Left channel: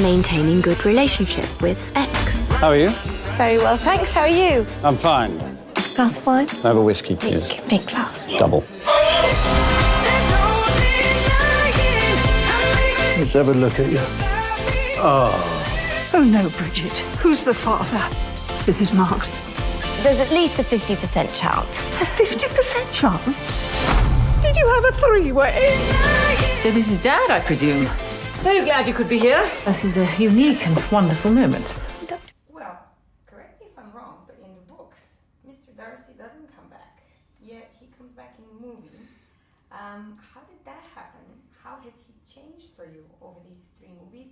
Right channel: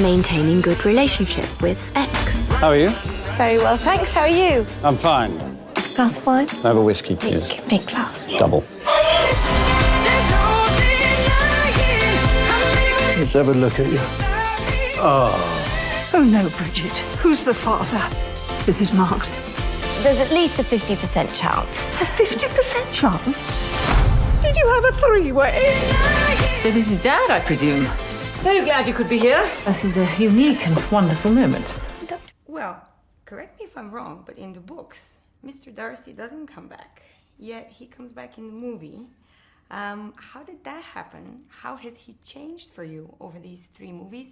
I'm maintaining good relationship with X. How are you? Very well, thanks. How are you? I'm fine. Glass of wine? I have a whiskey, please. Big glass. Double. Let's have a look at you. Oh no, Bridget. Who's the father? Is it Mark's? There's at least a 50% chance. A 50% chance? Did you have a three-way? So this is Dad, I presume. So glad you could be here. This is a unique and wonderful moment. Well, correct me if I'm wrong, but in the books, Mr. Darcy doesn't come back. Yet he comes back in the movie. How did that happen? How has he changed for you over these 3 movies?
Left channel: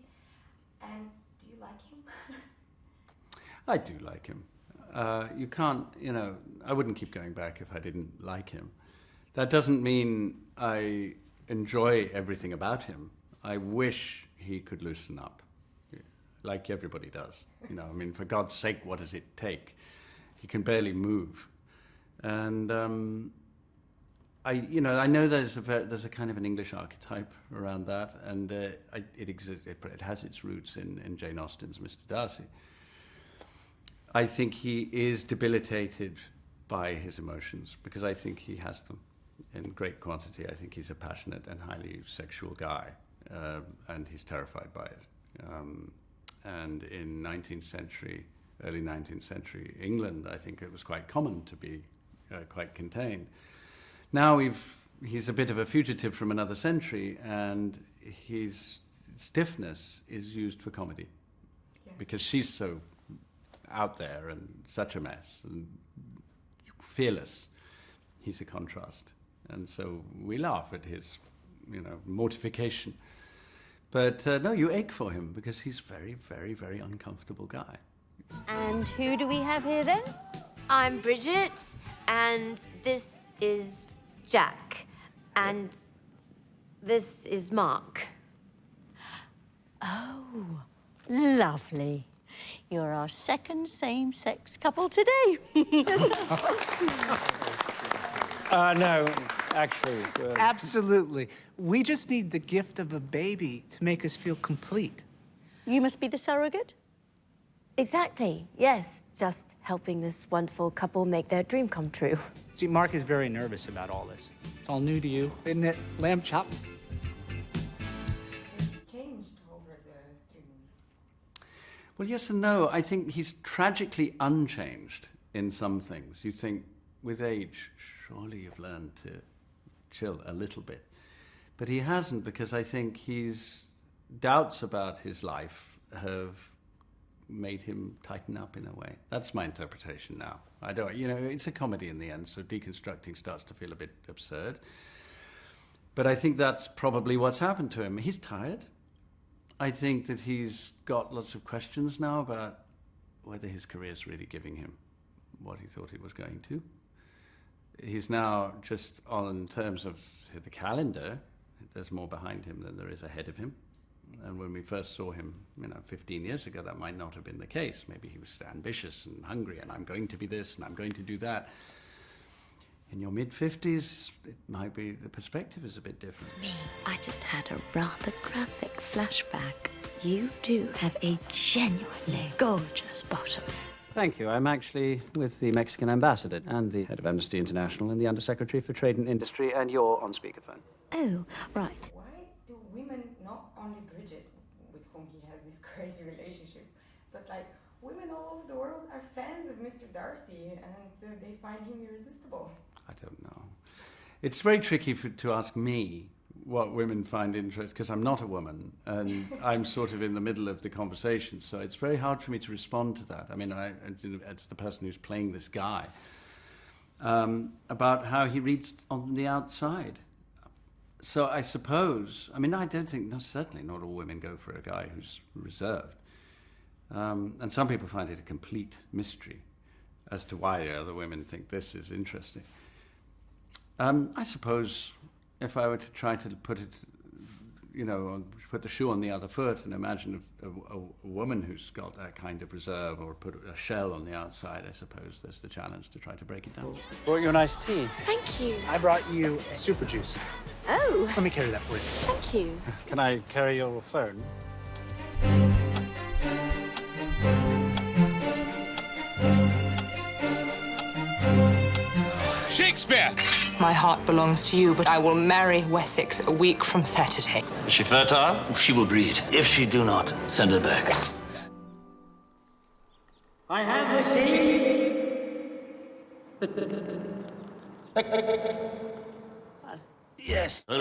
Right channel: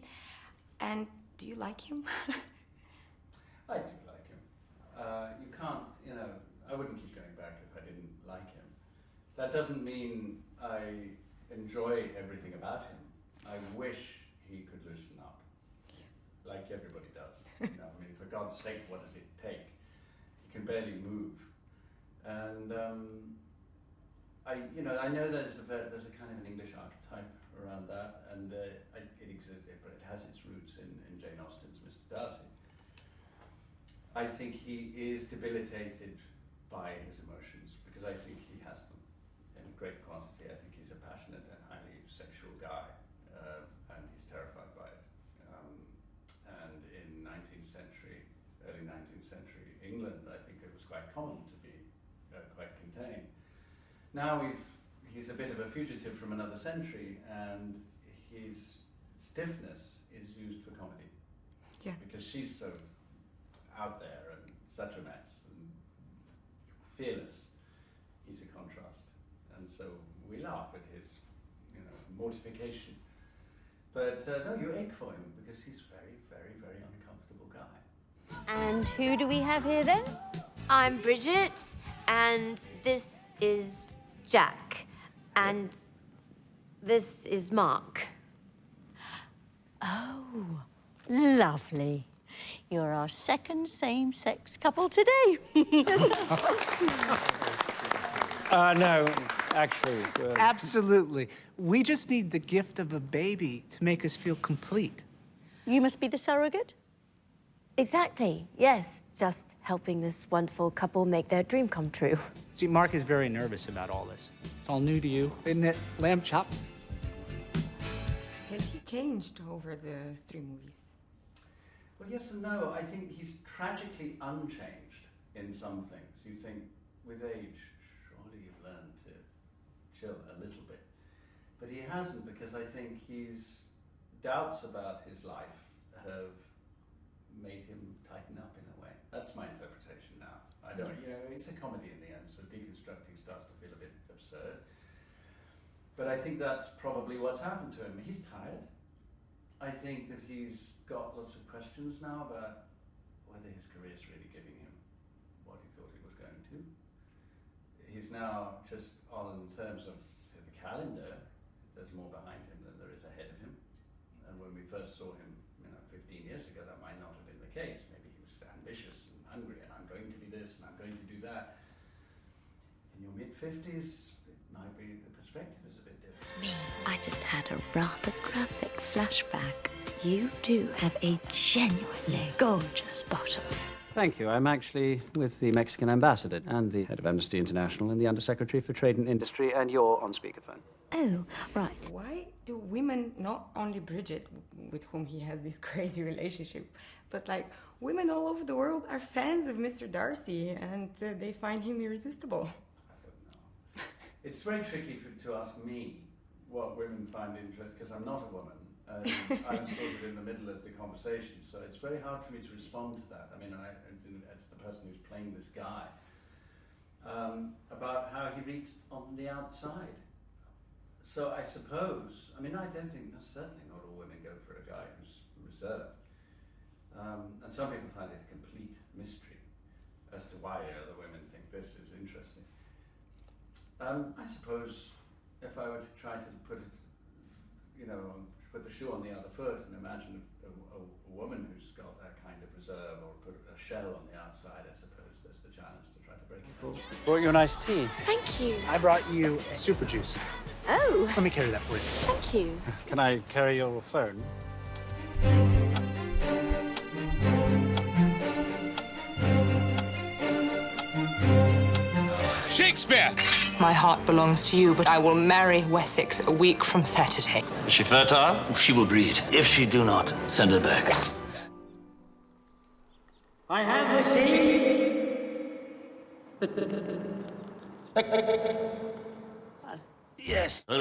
And do you like him? I do like him. You can't, I wouldn't keep going back if I didn't like him. That doesn't mean I enjoy everything about him. I wish he could loosen up, like everybody does. For God's sake, what does it take? He can barely move. And I know there's a kind of an English archetype around that, and it exists. It has its roots in Jane Austen's Mr. Darcy. I think he is debilitated by his emotions because I think he has them in great quantity. I think he's a passionate and highly sexual guy, and he's terrified by it. And in early 19th century England, I think it was quite common to be quite contained. Now he's a bit of a fugitive from another century, and his stiffness is used for comedy. Yeah. Because she's so out there and such a mess and fearless. He's a contrast. And so we laugh at his, mortification. But no, you ache for him because he's a very, very, very uncomfortable guy. And who do we have here then? I'm Bridget, and this is Jack, and this is Mark. Oh, lovely. You're our second same-sex couple today. No, actually. Absolutely. We just need the gift of a baby to make us feel complete. You must be the surrogate? Exactly, yes. Just helping this wonderful couple make their dream come true. See, Mark is very nervous about all this. It's all new to you, isn't it, lamb chop? Has he changed over the 3 movies? Well, yes and no. I think he's tragically unchanged in some things. You think, with age, surely you've learned to chill a little bit. But he hasn't, because I think his doubts about his life have made him tighten up in a way. That's my interpretation now. I don't, it's a comedy in the end, so deconstructing starts to feel a bit absurd. But I think that's probably what's happened to him. He's tired. I think that he's got lots of questions now about whether his career's really giving him what he thought it was going to. He's now just on terms of the calendar, there's more behind him than there is ahead of him. And when we first saw him, 15 years ago, that might not have been the case. Maybe he was ambitious and hungry, and I'm going to be this, and I'm going to do that. In your mid-50s, it might be, the perspective is a bit different. It's me. I just had a rather graphic flashback. You do have a genuinely gorgeous bottom. Thank you. I'm actually with the Mexican ambassador and the head of Amnesty International and the Undersecretary for Trade and Industry, and you're on speakerphone. Oh, right. Why do women, not only Bridget, with whom he has this crazy relationship, but women all over the world are fans of Mr. Darcy, and they find him irresistible? I don't know. It's very tricky to ask me what women find interesting, because I'm not a woman, and I'm sort of in the middle of the conversation, so it's very hard for me to respond to that. As the person who's playing this guy, about how he reads on the outside. So I suppose, I don't think, certainly not all women go for a guy who's reserved. And some people find it a complete mystery as to why other women think this is interesting. I suppose if I were to try to put it, put the shoe on the other foot and imagine a woman who's got that kind of reserve, or put a shell on the outside, I suppose there's the challenge to try to break it down. Brought you a nice tea. Thank you. I brought you super juice. Oh. Let me carry that for you. Thank you. Can I carry your phone? I just Shakespeare! My heart belongs to you, but I will marry Wessex a week from Saturday. Is she fertile? She will breed. If she do not, send her back. I have received. Yes. Art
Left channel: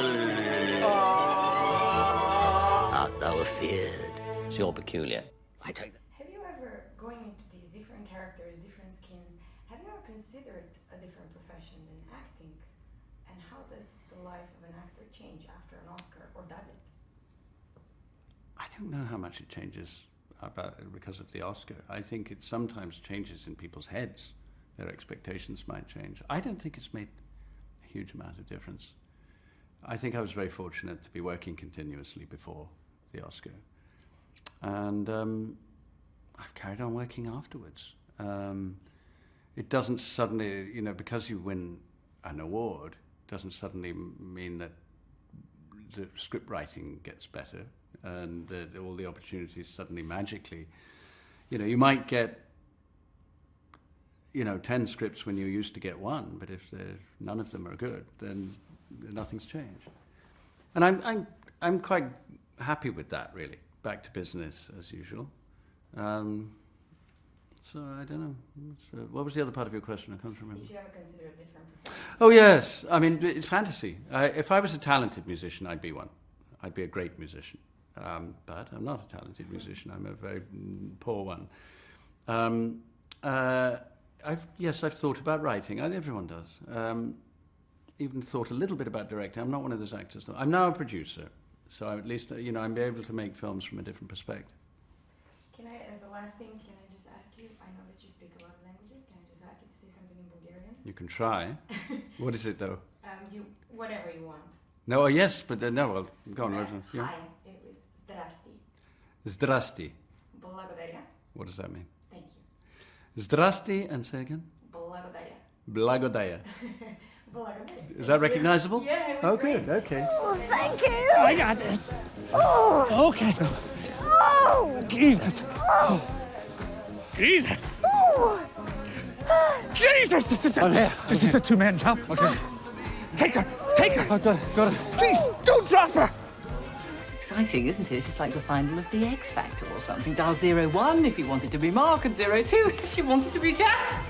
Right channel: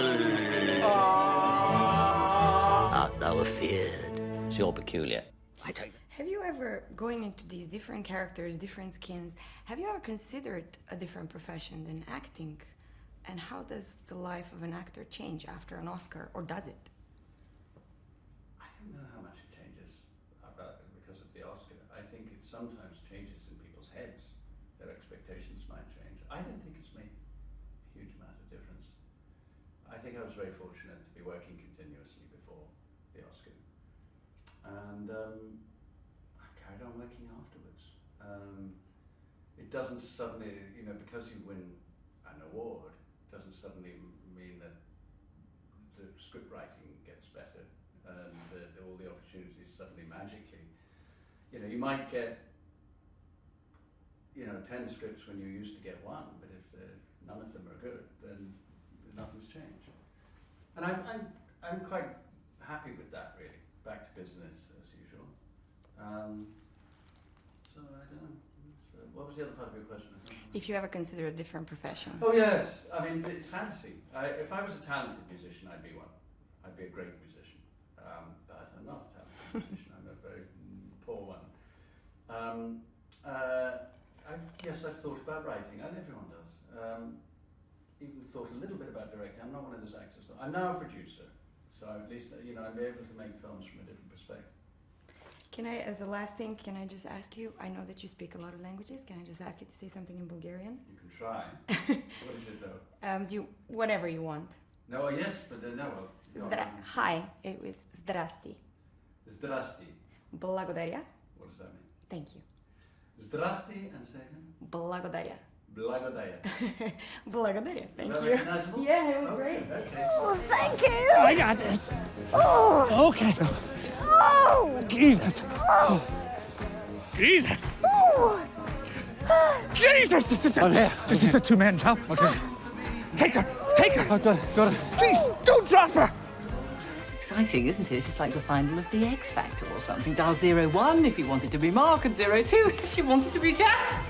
thou afeared? You're peculiar. I take that. Have you ever, going into these different characters, different skins, have you ever considered a different profession than acting? And how does the life of an actor change after an Oscar, or does it? I don't know how much it changes because of the Oscar. I think it sometimes changes in people's heads. Their expectations might change. I don't think it's made a huge amount of difference. I think I was very fortunate to be working continuously before the Oscar. And I've carried on working afterwards. It doesn't suddenly, because you win an award, doesn't suddenly mean that the script writing gets better and that all the opportunities suddenly magically, you might get 10 scripts when you used to get one, but if none of them are good, then nothing's changed. And I'm quite happy with that, really. Back to business as usual. So I don't know. What was the other part of your question? I can't remember. If you ever consider a different profession. Oh yes, I mean it's fantasy. If I was a talented musician, I'd be one. I'd be a great musician. But I'm not a talented musician. I'm a very poor one. I've thought about writing. Everyone does. Even thought a little bit about directing. I'm not one of those actors, though. I'm now a producer, so at least I'm able to make films from a different perspective. Can I, as a last thing, can I just ask you? I know that you speak a lot of languages. Can I just ask you to say something in Bulgarian? You can try. What is it, though? Whatever you want. No, yes, but no. Well, go on. Hi, it was zdrasti. Zdrasti. Благодаря. What does that mean? Thank you. Zdrasti, and say again? Благодаря. Blagodaya. Благодаря. Is that recognizable? Yeah, it was great. Good, okay. Oh, thank you. I got this. Oh. Okay. Oh. Jesus. Oh. Jesus. Oh. Jesus! This is a two-man job. Okay. Take her! Take her! Oh, got it. Please, don't drop her! Exciting, isn't it? It's like the final of the X Factor or something. Dial 01 if you wanted to be Mark, and 02 if you wanted to be Jack.